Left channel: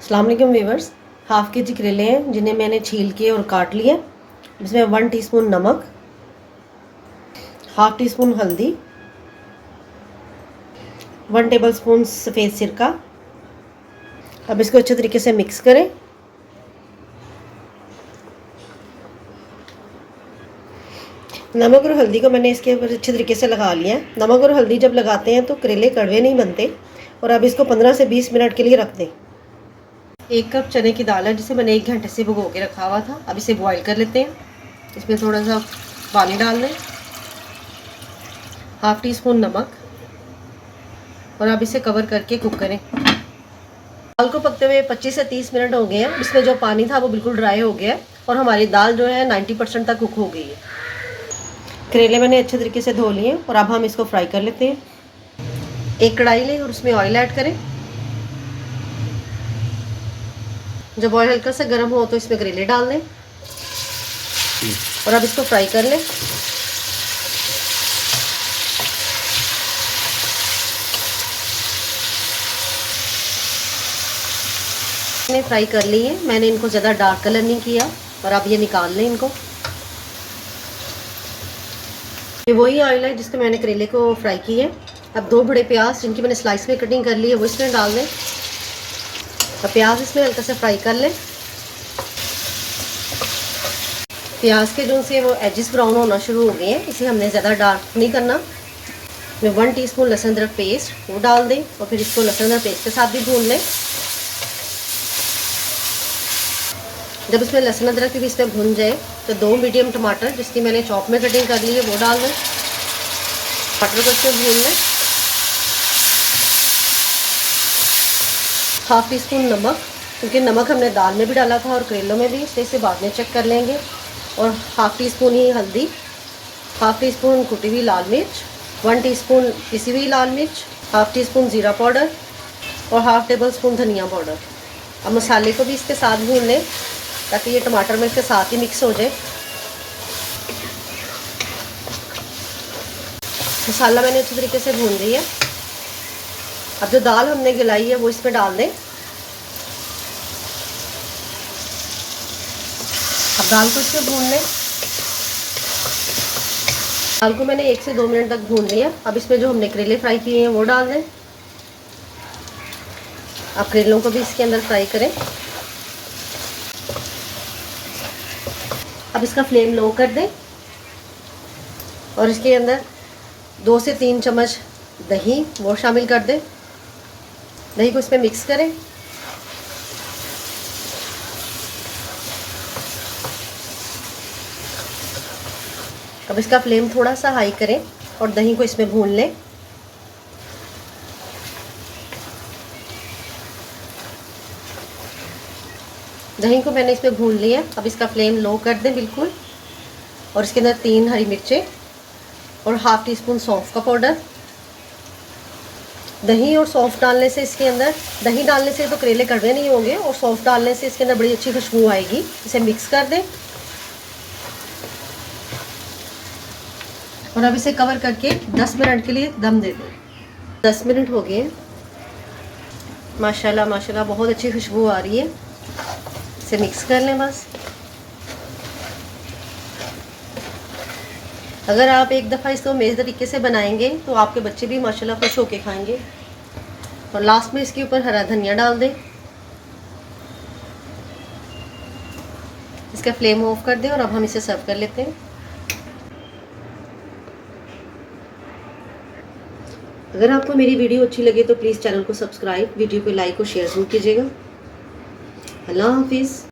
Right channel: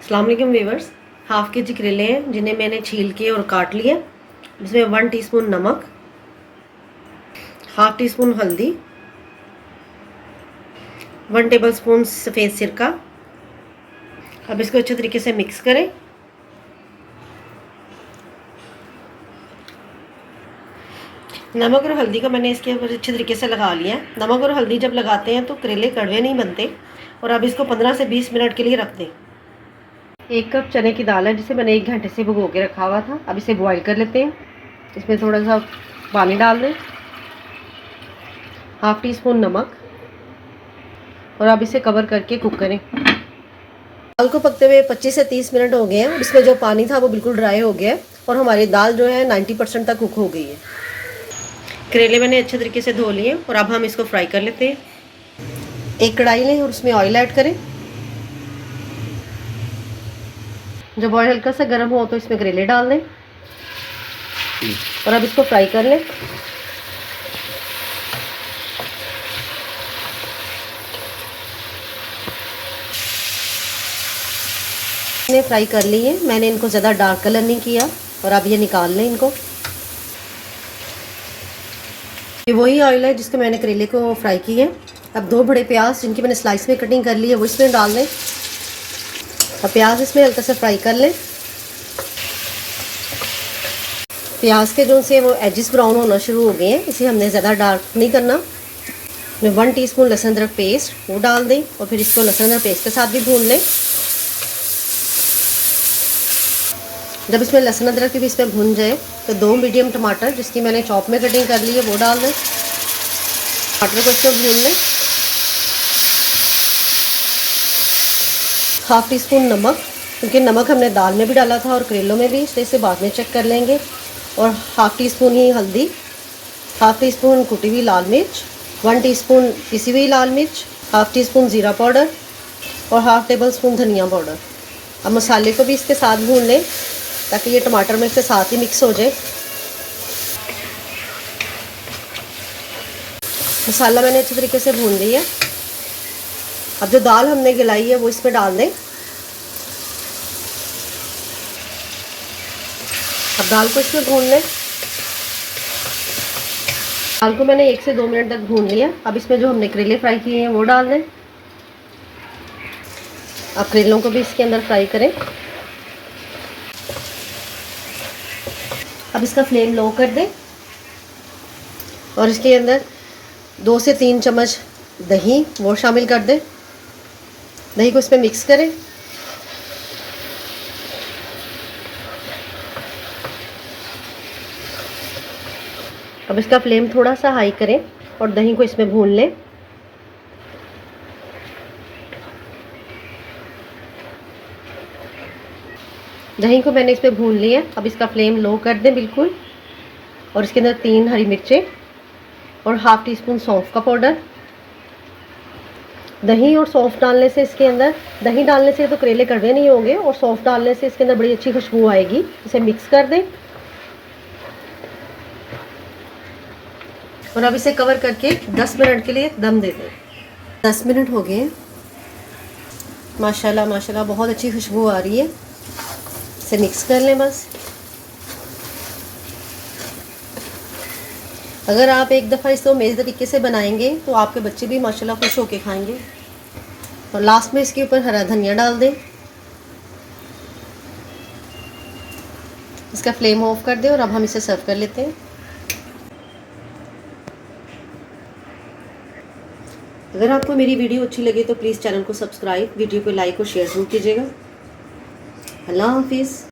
अस्सलाम वालेकुम viewers. Half के जी करेले हैं जिन्हें मैंने छील के और काट लिया। इसमें 1 टीस्पून नमक, हाफ़ टी स्पून हल्दी, 1 टेबलस्पून सफ़ेद सिरका। अब इसको अच्छे तरीके से मिक्स करें। नमक और हल्दी को मैंने इसके ऊपर अच्छे तरीके से लगा लिया है। नमक और हल्दी जब लगाते हैं तो करेले कड़वे नहीं बनते। और अब इसको 15 से 20 मिनट के लिए रख दें। 1 कप चने की दाल है जिसे मैंने 1 घंटे से भिगो के रखा हुआ था। अब इसे बॉईल कर लेते हैं। इसमें थोड़ा सा पानी डाल दें, हाफ़ टी स्पून नमक, और अब इसे कवर करके कुक करें। दाल को पकते हुए 25 से 30 मिनट हो गए हैं। इसमें जो पानी था वो बिल्कुल ड्राई हो गया है और हमारी दाल जो है 90% तक कुक हो गई है। करेले मैंने अच्छे तरीके से धो लिए और अब हम इसको फ्राई कर लेते हैं। एक कढ़ाई लें और उसमें ऑयल ऐड करें। जब ऑयल हल्का सा गर्म हो तो इसमें करेले डाल दें और अब इसको फ्राई कर लें। मैंने फ्राई कर ली है। मैंने इनको ज़्यादा डार्क कलर नहीं किया और अब ये निकाल लें इनको। ये वही ऑयल है जिसके मैंने करेले को फ्राई की है। अब 2 बड़े प्याज जिनकी मैंने स्लाइस में कटिंग कर ली है वो इसमें डाल दें और प्याज इसमें हल्का से फ्राई कर लें। प्याज के जो से वो एजेस ब्राउन होना शुरू हो गए हैं, इसे हमने ज़्यादा डार्क नहीं करना। मैं 1 टीस्पून लहसुन अदरक पेस्ट वो डाल दें और फिर इसको लहसुन अदरक पेस्ट के साथ भी भून लें। जब इसमें लहसुन अदरक भी इसमें भून जाए तो 2 मीडियम टमाटर जिसकी मैंने चॉप में कटिंग कर ली है वो डाल दें। टमाटर को इसको भून लें। हाफ़ टी स्पून नमक, क्योंकि नमक हमने दाल में भी डाला था और करेलों में भी, इसलिए इसे बाद में चेक कर लेंगे। और हाफ़ टी स्पून ही हल्दी, हाफ़ टी स्पून कुटी हुई लाल मिर्च, 1 टीस्पून पिसी हुई लाल मिर्च, हाफ़ टी स्पून ज़ीरा पाउडर और हाफ़ टेबल स्पून धनिया पाउडर। अब मसाले को भी इसके साथ भून लें ताकि ये टमाटर में इसके साथ ही मिक्स हो जाए। मसाला मैंने अच्छे तरीके से भून लिया है। अब जो दाल हमने गलाई है वो इसमें डाल दें। अब दाल को इसमें भून लें। दाल को मैंने 1 से 2 मिनट तक भून लिया। अब इसमें जो हमने करेले फ्राई किए हैं वो डाल दें। अब करेलों को भी इसके अंदर फ्राई करें। अब इसका फ्लेम लो कर दें और इसके अंदर 2 से 3 चम्मच दही वो शामिल कर दें। दही को इसमें मिक्स करें। अब इसका फ्लेम थोड़ा सा हाई करें और दही को इसमें भून लें। दही को मैंने इसमें भून लिया। अब इसका फ्लेम लो कर दें बिल्कुल और इसके अंदर 3 हरी मिर्चें और हाफ़ टी स्पून सौंफ का पाउडर। दही और सौंफ डालने से इसके अंदर, दही डालने से तो करेले कड़वे नहीं होंगे और सौंफ डालने से इसके अंदर बड़ी अच्छी खुशबू आएगी। इसे मिक्स कर दें और अब इसे कवर करके 10 मिनट के लिए दम दे दें। 10 मिनट हो गए। माशाल्लाह माशाल्लाह बहुत अच्छी खुशबू आ रही है। इसे मिक्स कर लें बस। अगर आप एक दफ़ा इसको मेज़ तरीके से बनाएंगे तो आपके बच्चे भी माशाल्लाह खुश होके खाएंगे। और लास्ट में इसके ऊपर हरा धनिया डाल दें। इसका फ्लेम ऑफ कर दें और अब हम इसे सर्व कर लेते हैं। अगर आपको मेरी वीडियो अच्छी लगे तो प्लीज़ चैनल को सब्सक्राइब, वीडियो को लाइक और शेयर ज़रूर कीजिएगा। अल्लाह हाफिज़।